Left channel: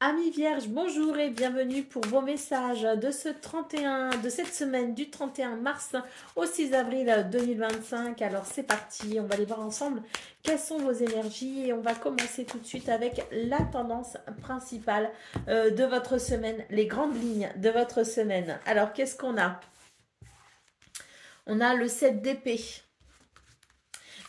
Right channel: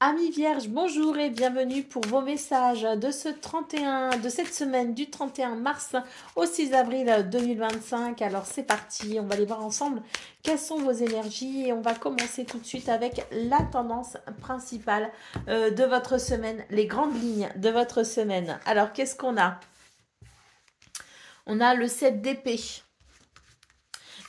Amis vierges, bonjour et bienvenue pour vos messages de de cette semaine du 31 mars au 6 avril 2025. Alors c'est parti, on va aller voir ensemble quelles sont vos énergies et on va commencer tout de suite avec la tendance principale de votre semaine, les grandes lignes de votre semaine. Alors qu'est-ce qu'on a? On a le 7 d'épée.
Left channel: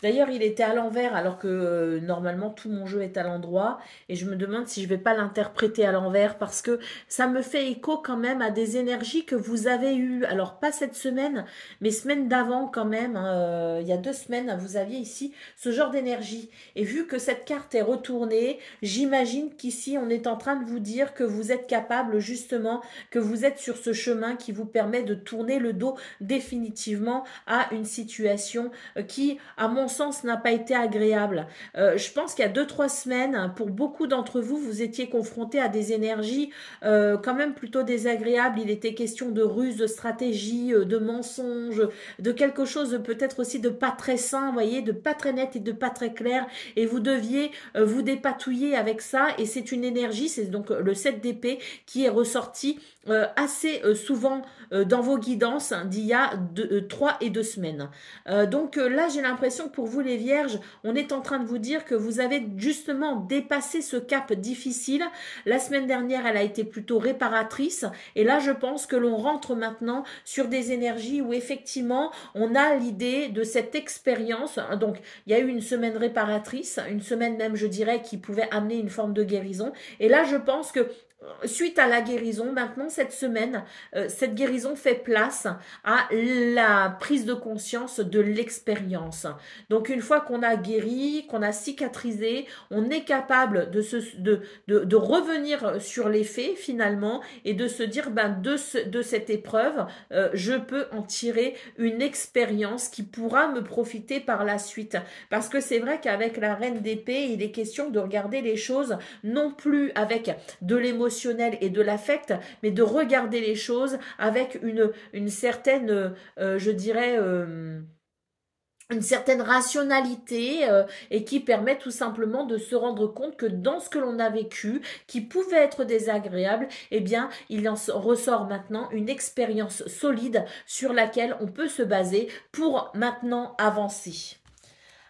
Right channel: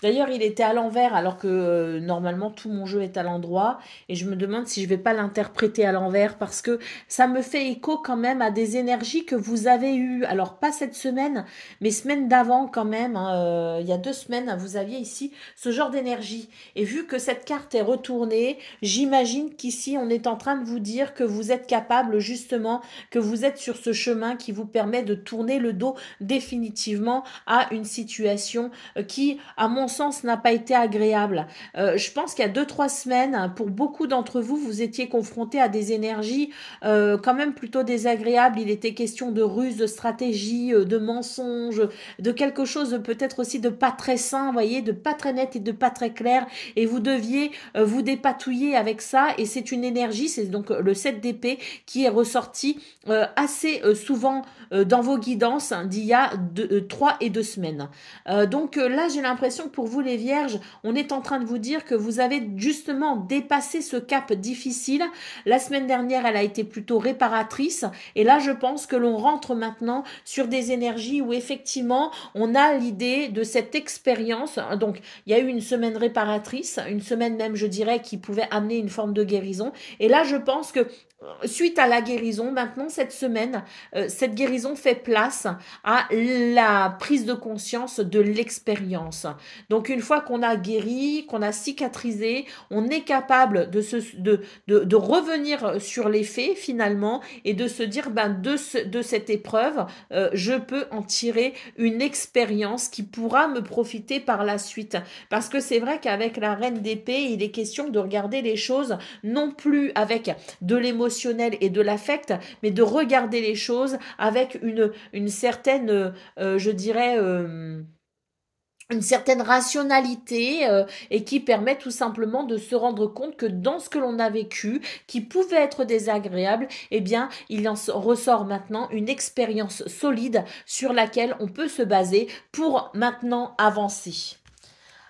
D'ailleurs, il était à l'envers alors que normalement tout mon jeu est à l'endroit et je me demande si je vais pas l'interpréter à l'envers parce que ça me fait écho quand même à des énergies que vous avez eues. Alors pas cette semaine, mais semaine d'avant quand même, hein, il y a 2 semaines, vous aviez ici ce genre d'énergie. Et vu que cette carte est retournée, j'imagine qu'ici on est en train de vous dire que vous êtes capable justement, que vous êtes sur ce chemin qui vous permet de tourner le dos définitivement à une situation qui, à mon sens, n'a pas été agréable. Je pense qu'il y a 2-3 semaines, pour beaucoup d'entre vous, vous étiez confrontés à des énergies quand même plutôt désagréables. Il était question de ruse, de stratégie, de mensonges, de quelque chose peut-être aussi de pas très sain, vous voyez, de pas très net et de pas très clair. Et vous deviez vous dépatouiller avec ça. Et c'est une énergie, c'est donc le 7 d'épée qui est ressorti assez souvent dans vos guidances d'il y a 3 et 2 semaines. Donc là, j'ai l'impression que pour vous les vierges, on est en train de vous dire que vous avez justement dépassé ce cap difficile. La semaine dernière, elle a été plutôt réparatrice. Et là, je pense que l'on rentre maintenant sur des énergies où effectivement, on a l'idée de cette expérience. Donc, il y a eu une semaine réparatrice, une semaine même, je dirais, qui pouvait amener une forme de guérison. Et là, je pense que suite à la guérison, maintenant cette semaine, cette guérison fait place à la prise de conscience de l'expérience. Donc une fois qu'on a guéri, qu'on a cicatrisé, on est capable de revenir sur les faits finalement et de se dire de cette épreuve, je peux en tirer une expérience qui pourra me profiter par la suite. Parce que c'est vrai qu'avec la reine d'épée, il est question de regarder les choses non plus avec de l'émotionnel et de l'affect, mais de regarder les choses avec une certaine, je dirais, une certaine rationalité et qui permet tout simplement de se rendre compte que dans ce que l'on a vécu, qui pouvait être désagréable, eh bien, il en ressort maintenant une expérience solide sur laquelle on peut se baser pour maintenant avancer.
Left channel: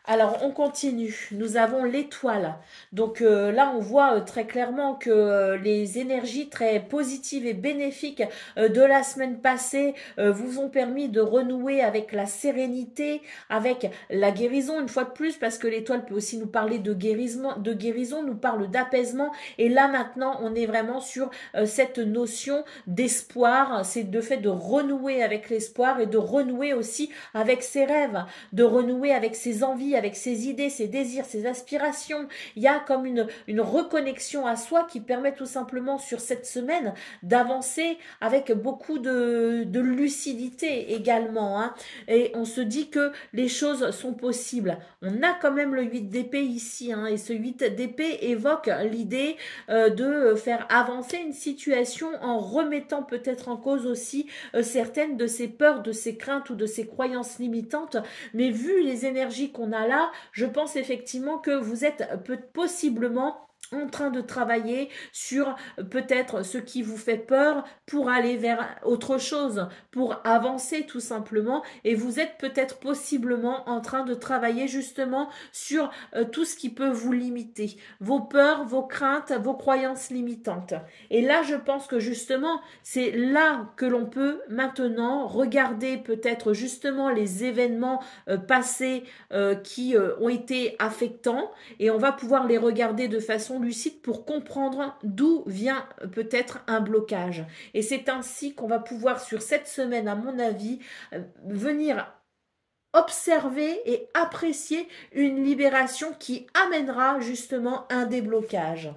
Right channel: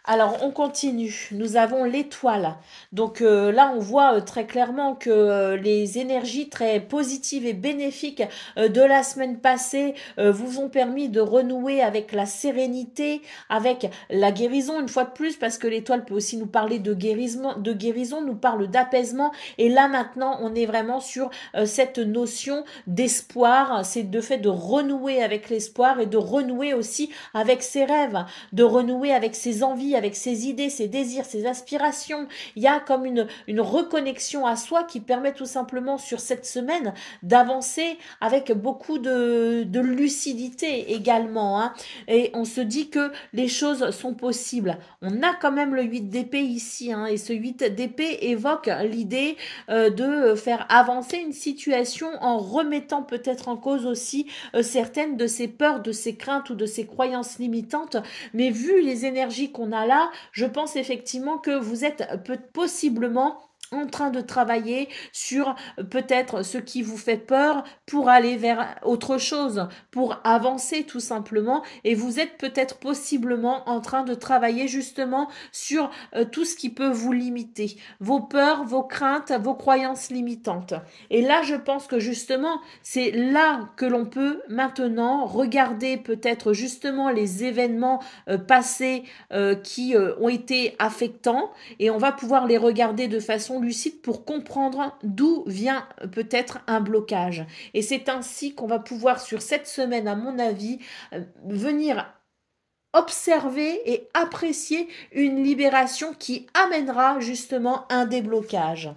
Alors, on continue. Nous avons l'étoile. Donc là, on voit très clairement que les énergies très positives et bénéfiques de la semaine passée vous ont permis de renouer avec la sérénité, avec la guérison, une fois de plus, parce que l'étoile peut aussi nous parler de guérison, nous parle d'apaisement. Et là, maintenant, on est vraiment sur cette notion d'espoir. C'est le fait de renouer avec l'espoir et de renouer aussi avec ses rêves, de renouer avec ses envies, avec ses idées, ses désirs, ses aspirations. Il y a comme une reconnexion à soi qui permet tout simplement sur cette semaine d'avancer avec beaucoup de lucidité également. Hein. Et on se dit que les choses sont possibles. On a quand même le 8 d'épée ici. Hein, et ce 8 d'épée évoque l'idée de faire avancer une situation en remettant peut-être en cause aussi certaines de ses peurs, de ses craintes ou de ses croyances limitantes. Mais vu les énergies qu'on a là, je pense effectivement que vous êtes possiblement en train de travailler sur peut-être ce qui vous fait peur pour aller vers autre chose, pour avancer tout simplement. Et vous êtes peut-être possiblement en train de travailler justement sur tout ce qui peut vous limiter, vos peurs, vos craintes, vos croyances limitantes. Et là, je pense que justement, c'est là que l'on peut maintenant regarder peut-être justement les événements passés qui ont été affectants et on va pouvoir les regarder de façon lucide pour comprendre d'où vient peut-être un blocage. Et c'est ainsi qu'on va pouvoir sur cette semaine, à mon avis, venir observer et apprécier une libération qui amènera justement un déblocage.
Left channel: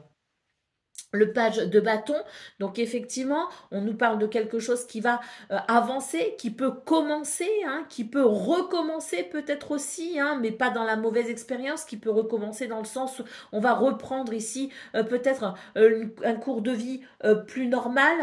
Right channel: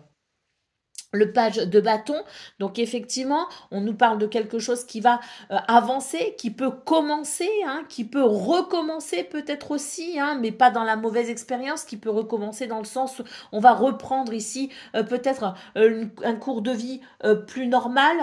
Le page de bâton, donc effectivement, on nous parle de quelque chose qui va avancer, qui peut commencer, hein, qui peut recommencer peut-être aussi, hein, mais pas dans la mauvaise expérience, qui peut recommencer dans le sens où on va reprendre ici peut-être un cours de vie plus normal,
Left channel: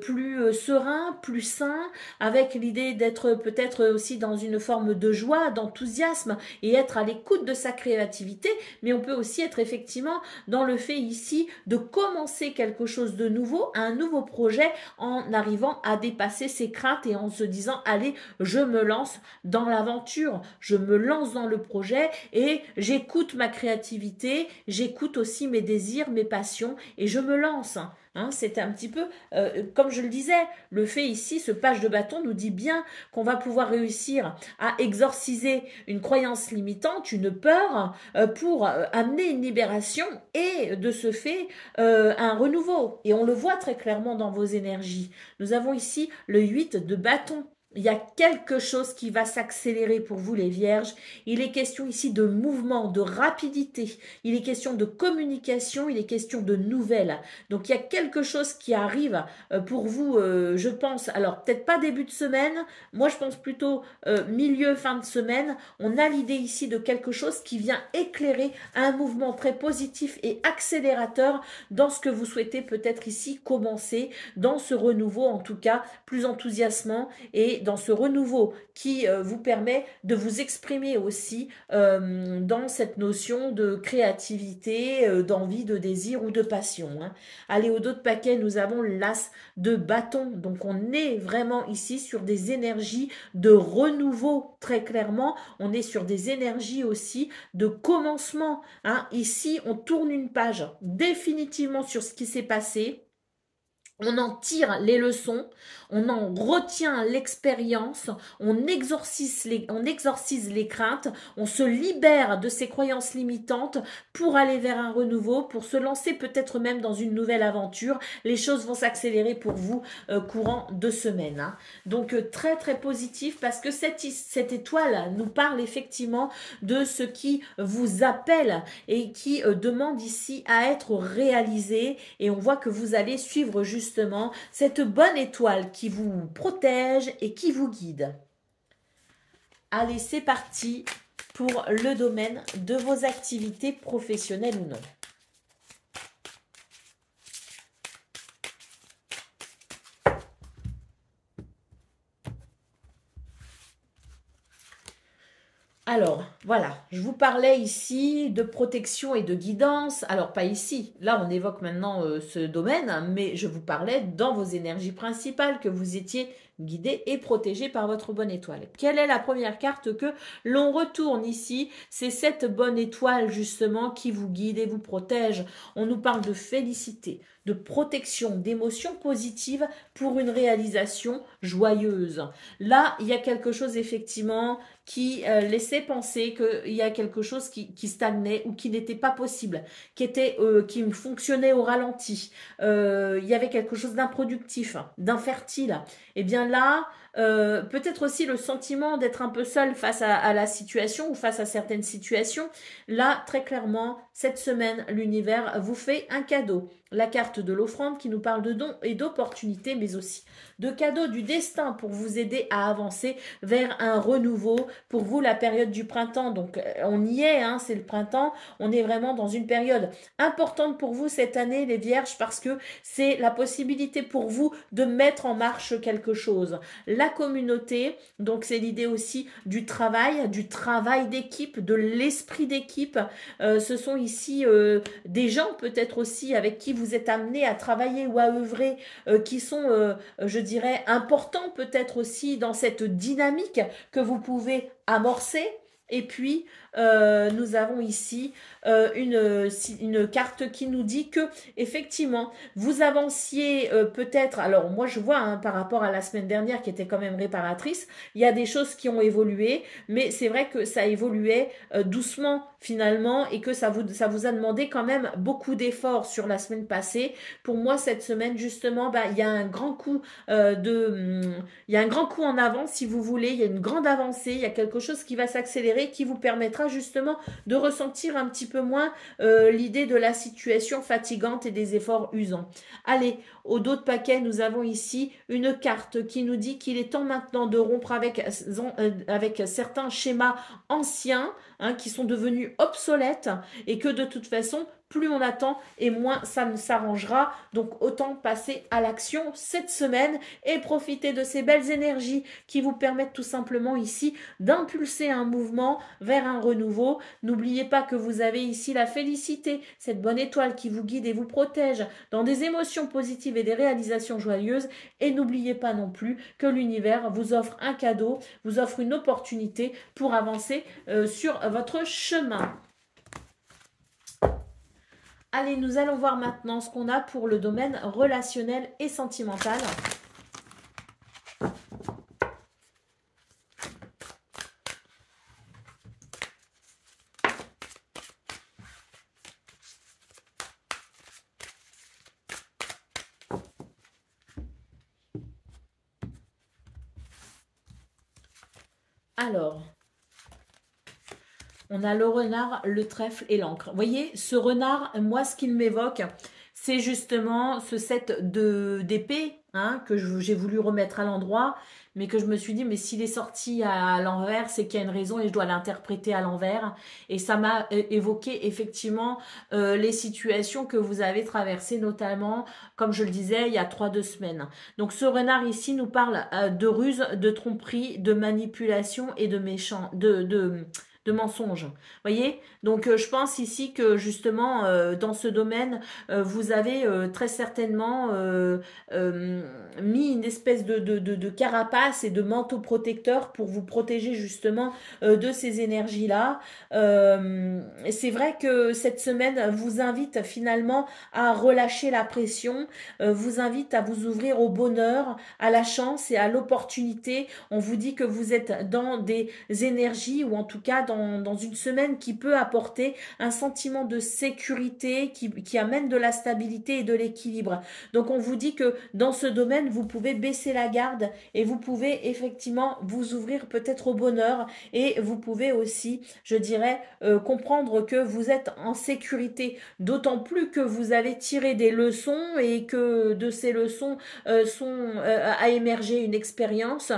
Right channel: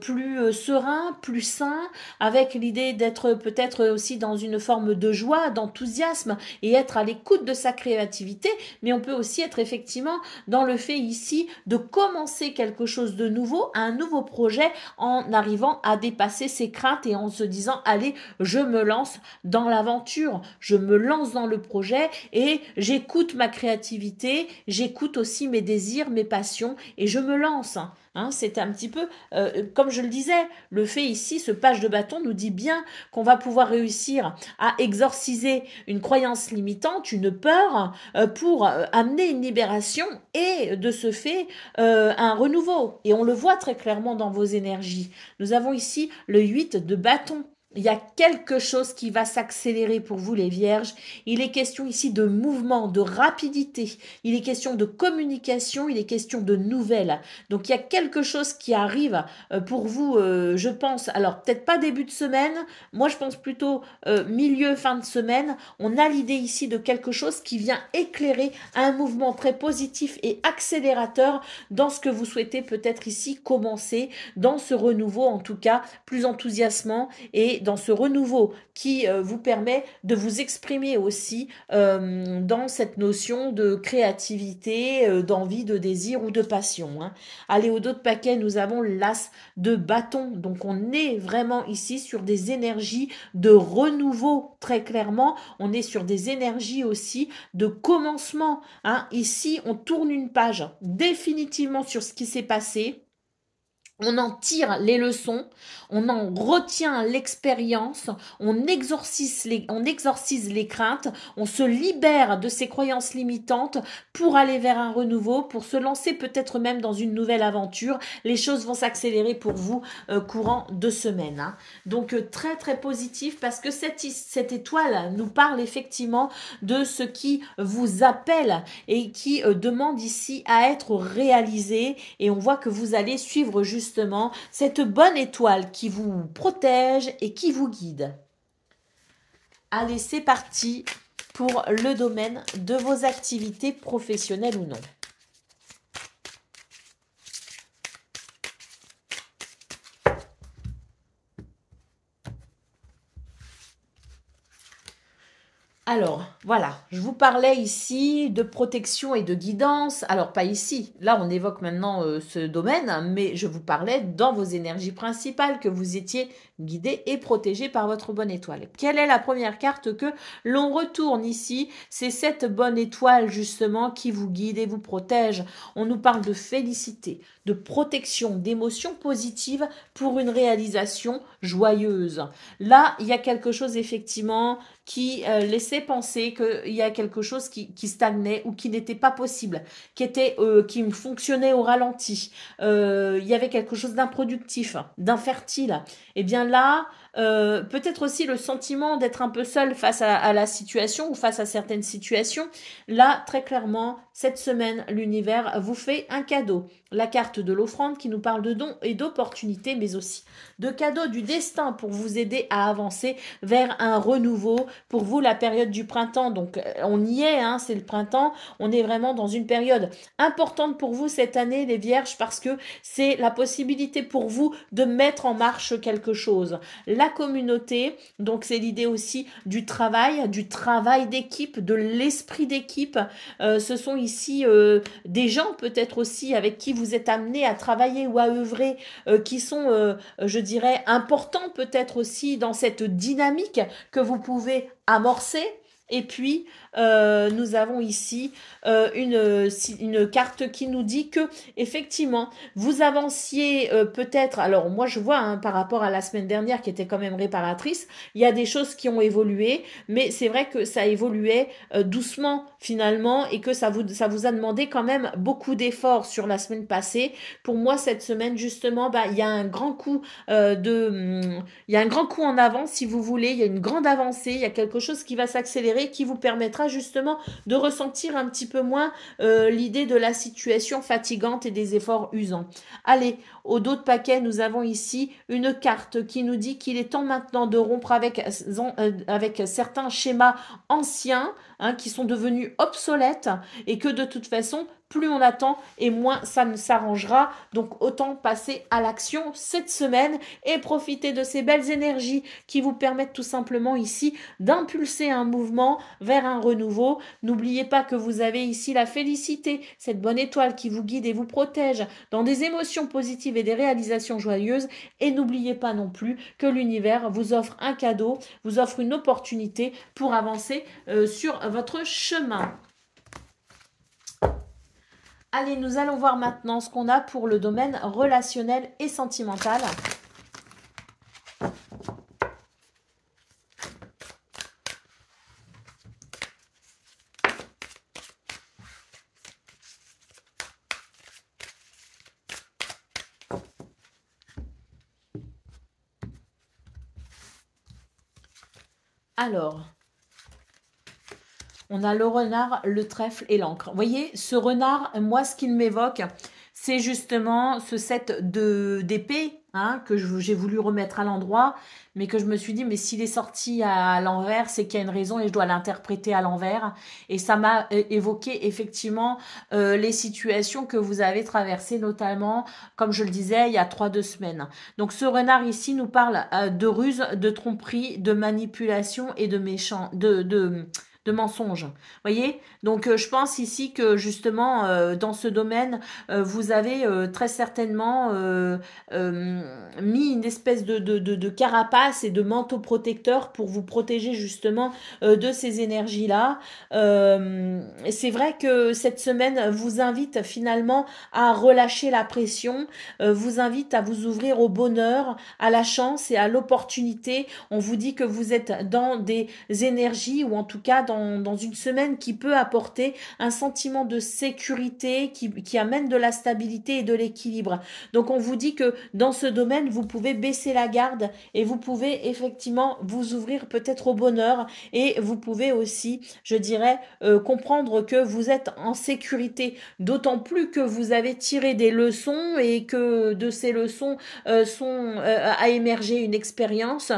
plus serein, plus sain, avec l'idée d'être peut-être aussi dans une forme de joie, d'enthousiasme et être à l'écoute de sa créativité, mais on peut aussi être effectivement dans le fait ici de commencer quelque chose de nouveau, un nouveau projet, en arrivant à dépasser ses craintes et en se disant, allez, je me lance dans l'aventure, je me lance dans le projet et j'écoute ma créativité, j'écoute aussi mes désirs, mes passions et je me lance. Hein, c'est un petit peu, comme je le disais, le fait ici, ce page de bâton nous dit bien qu'on va pouvoir réussir à exorciser une croyance limitante, une peur, pour amener une libération et de ce fait un renouveau. Et on le voit très clairement dans vos énergies. Nous avons ici le 8 de bâton. Il y a quelque chose qui va s'accélérer pour vous les vierges. Il est question ici de mouvement, de rapidité. Il est question de communication, il est question de nouvelles. Donc il y a quelque chose qui arrive pour vous, je pense, alors peut-être pas début de semaine, moi je pense plutôt milieu, fin de semaine. On a l'idée ici de quelque chose qui vient éclairer un mouvement très positif et accélérateur dans ce que vous souhaitez peut-être ici commencer, dans ce renouveau en tout cas, plus enthousiasmant et dans ce renouveau qui vous permet de vous exprimer aussi dans cette notion de créativité, d'envie, de désir ou de passion. Hein. Allez, au dos de paquet, nous avons l'as de bâton. Donc, on est vraiment ici sur des énergies de renouveau, très clairement. On est sur des énergies aussi de commencement. Hein. Ici, on tourne une page définitivement sur ce qui s'est passé. On en tire les leçons, on en retient l'expérience, on exorcise les craintes, on se libère de ces croyances limitantes pour aller vers un renouveau, pour se lancer peut-être même dans une nouvelle aventure. Les choses vont s'accélérer pour vous courant de semaine. Hein. Donc très très positif parce que cette étoile nous parle effectivement de ce qui vous appelle et qui demande ici à être réalisé et on voit que vous allez suivre justement cette bonne étoile qui vous protège et qui vous guide. Allez, c'est parti pour le domaine de vos activités professionnelles ou non. Alors, voilà, je vous parlais ici de protection et de guidance. Alors, pas ici, là on évoque maintenant ce domaine, mais je vous parlais dans vos énergies principales que vous étiez guidé et protégé par votre bonne étoile. Quelle est la première carte que l'on retourne ici? C'est cette bonne étoile justement qui vous guide et vous protège. On nous parle de félicité, de protection, d'émotions positives pour une réalisation joyeuse. Là, il y a quelque chose effectivement qui laissait penser qu'il y a quelque chose qui stagnait ou qui n'était pas possible, qui fonctionnait au ralenti. Il y avait quelque chose d'improductif, d'infertile. Eh bien là, peut-être aussi le sentiment d'être un peu seul face à la situation ou face à certaines situations. Là, très clairement, cette semaine, l'univers vous fait un cadeau. La carte de l'offrande qui nous parle de dons et d'opportunités, mais aussi de cadeaux du destin pour vous aider à avancer vers un renouveau. Pour vous, la période du printemps, donc on y est, hein, c'est le printemps. On est vraiment dans une période importante pour vous cette année, les vierges, parce que c'est la possibilité pour vous de mettre en marche quelque chose. La communauté, donc c'est l'idée aussi du travail d'équipe, de l'esprit d'équipe. Ce sont ici des gens peut-être aussi avec qui vous êtes amenés à travailler ou à œuvrer, qui sont, je dirais, importants peut-être aussi dans cette dynamique que vous pouvez amorcer. Et puis, nous avons ici une carte qui nous dit que effectivement vous avanciez peut-être, alors moi je vois hein, par rapport à la semaine dernière qui était quand même réparatrice, il y a des choses qui ont évolué, mais c'est vrai que ça évoluait doucement finalement et que ça vous a demandé quand même beaucoup d'efforts sur la semaine passée. Pour moi cette semaine justement, il y a un grand coup il y a un grand coup en avant si vous voulez, il y a une grande avancée, il y a quelque chose qui va s'accélérer qui vous permettra justement de ressentir un petit peu moins l'idée de la situation fatigante et des efforts usants. Allez, au dos de paquet, nous avons ici une carte qui nous dit qu'il est temps maintenant de rompre avec certains schémas anciens hein, qui sont devenus obsolètes et que de toute façon, plus on attend et moins ça ne s'arrangera. Donc autant passer à l'action cette semaine et profiter de ces belles énergies qui vous permettent tout simplement ici d'impulser un mouvement vers un renouveau. N'oubliez pas que vous avez ici la félicité, cette bonne étoile qui vous guide et vous protège dans des émotions positives et des réalisations joyeuses. Et n'oubliez pas non plus que l'univers vous offre un cadeau, vous offre une opportunité pour avancer sur votre chemin. Allez, nous allons voir maintenant ce qu'on a pour le domaine relationnel et sentimental. Alors, on a le renard, le trèfle et l'encre. Vous voyez, ce renard, moi, ce qu'il m'évoque, c'est justement ce set d'épée hein, que j'ai voulu remettre à l'endroit, mais que je me suis dit, mais s'il est sorti à l'envers, c'est qu'il y a une raison et je dois l'interpréter à l'envers. Et ça m'a évoqué effectivement les situations que vous avez traversées, notamment, comme je le disais, il y a 3-2 semaines. Donc ce renard ici nous parle de ruse, de tromperie, de manipulation et de mensonges. Vous voyez? Donc, je pense ici que justement, dans ce domaine, vous avez très certainement mis une espèce de carapace et de manteau protecteur pour vous protéger justement de ces énergies-là. C'est vrai que cette semaine vous invite finalement à relâcher la pression, vous invite à vous ouvrir au bonheur, à la chance et à l'opportunité. On vous dit que vous êtes dans des énergies ou en tout cas dans une semaine qui peut apporter un sentiment de sécurité qui amène de la stabilité et de l'équilibre. Donc on vous dit que dans ce domaine, vous pouvez baisser la garde et vous pouvez effectivement vous ouvrir peut-être au bonheur et vous pouvez aussi, je dirais, comprendre que vous êtes en sécurité, d'autant plus que vous avez tiré des leçons et que de ces leçons a émergé une expérience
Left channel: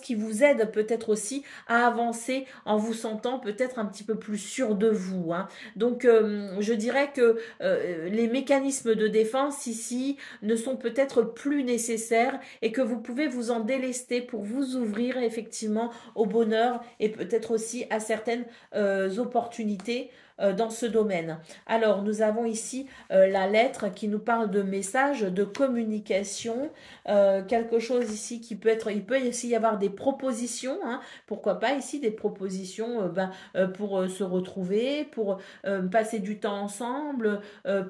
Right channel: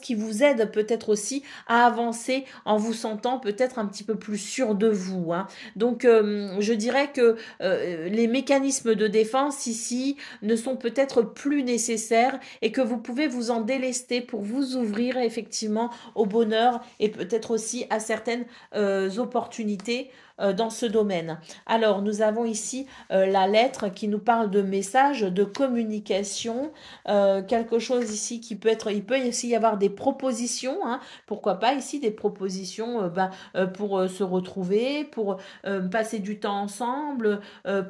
qui vous aide peut-être aussi à avancer en vous sentant peut-être un petit peu plus sûr de vous. Hein. Donc, je dirais que les mécanismes de défense ici ne sont peut-être plus nécessaires et que vous pouvez vous en délester pour vous ouvrir effectivement au bonheur et peut-être aussi à certaines opportunités dans ce domaine. Alors, nous avons ici la lettre qui nous parle de message, de communication, quelque chose ici qui peut être, il peut aussi y avoir des propositions, hein, pourquoi pas ici des propositions pour se retrouver, pour passer du temps ensemble,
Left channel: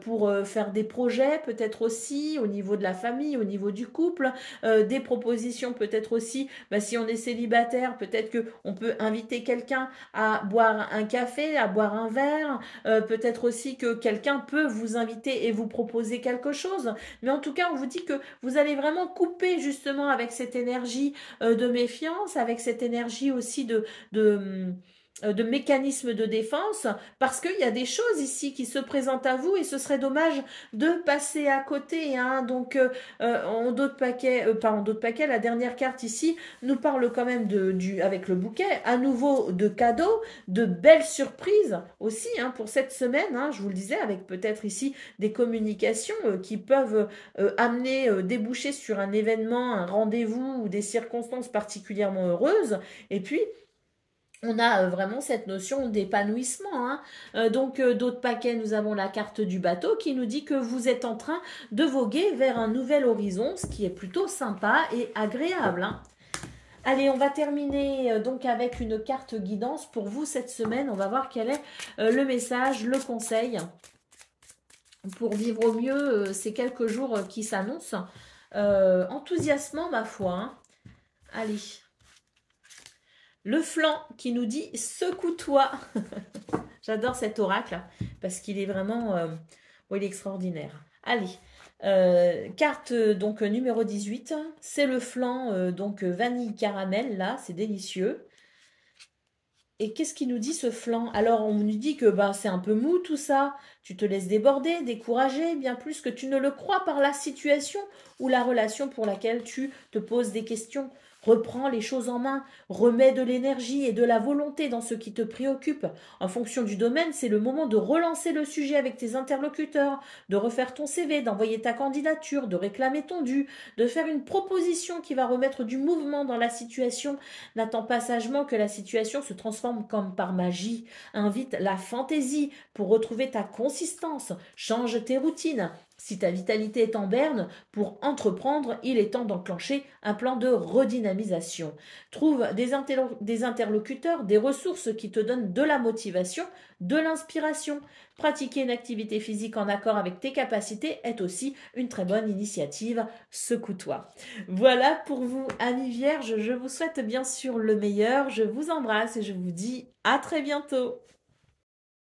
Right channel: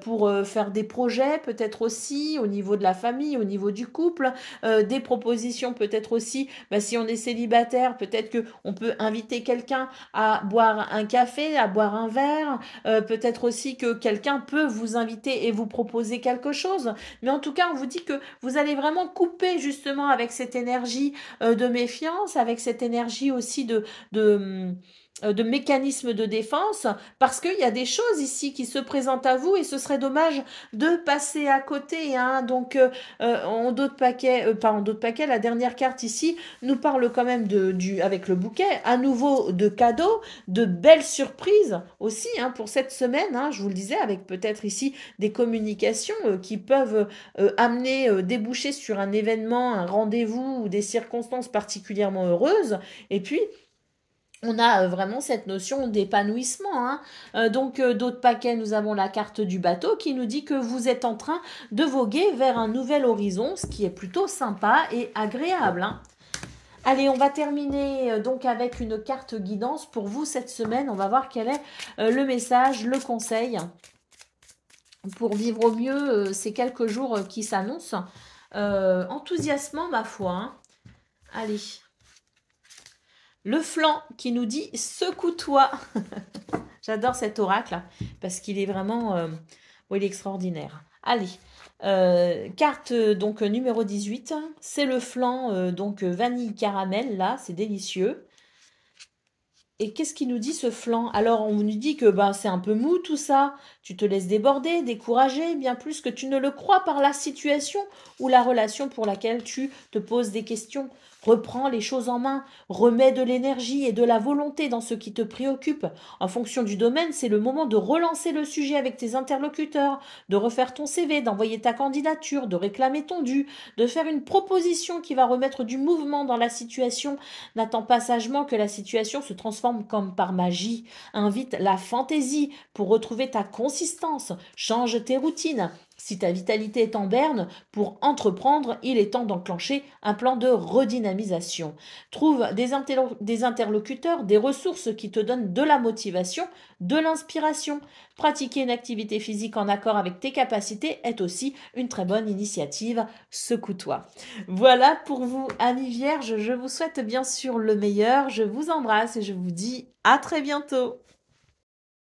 pour faire des projets peut-être aussi au niveau de la famille, au niveau du couple, des propositions peut-être aussi, si on est célibataire, peut-être qu'on peut inviter quelqu'un à boire un café, à boire un verre, peut-être aussi que quelqu'un peut vous inviter et vous proposer quelque chose, mais en tout cas on vous dit que vous allez vraiment couper justement avec cette énergie de méfiance, avec cette énergie aussi de mécanismes de défense, parce qu'il y a des choses ici qui se présentent à vous et ce serait dommage de passer à côté. Hein. Donc, en dos de paquet, la dernière carte ici nous parle quand même avec le bouquet, à nouveau de cadeaux, de belles surprises aussi hein, pour cette semaine. Hein, je vous le disais, avec peut-être ici des communications qui peuvent amener, déboucher sur un événement, un rendez-vous ou des circonstances particulièrement heureuses. Et puis, on a vraiment cette notion d'épanouissement. Hein. Donc, d'autres paquets, nous avons la carte du bateau qui nous dit que vous êtes en train de voguer vers un nouvel horizon, ce qui est plutôt sympa et agréable. Hein. Allez, on va terminer donc avec une carte guidance pour vous cette semaine. On va voir quel est le message, le conseil pour vivre au mieux ces quelques jours qui s'annoncent. Enthousiasmant, ma foi. Hein. Allez. Le flanc qui nous dit « secoue-toi ». J'adore cet oracle parce qu'il est vraiment il est extraordinaire. Allez, carte donc numéro 18, c'est le flanc donc vanille caramel, là, c'est délicieux. Et qu'est-ce qu'il nous dit ce flanc? Alors, on nous dit que c'est un peu mou tout ça, tu te laisses déborder, décourager, bien plus que tu ne le crois par la situation ou la relation pour laquelle tu te poses des questions. Reprends les choses en main, remets de l'énergie et de la volonté dans ce qui te préoccupe. En fonction du domaine, c'est le moment de relancer le sujet avec tes interlocuteurs, de refaire ton CV, d'envoyer ta candidature, de réclamer ton dû, de faire une proposition qui va remettre du mouvement dans la situation. N'attends pas sagement que la situation se transforme comme par magie. Invite la fantaisie pour retrouver ta consistance. Change tes routines. Si ta vitalité est en berne, pour entreprendre, il est temps d'enclencher un plan de redynamisation. Trouve des interlocuteurs, des ressources qui te donnent de la motivation, de l'inspiration. Pratiquer une activité physique en accord avec tes capacités est aussi une très bonne initiative. Secoue-toi. Voilà pour vous, amis vierges. Je vous souhaite bien sûr le meilleur. Je vous embrasse et je vous dis à très bientôt.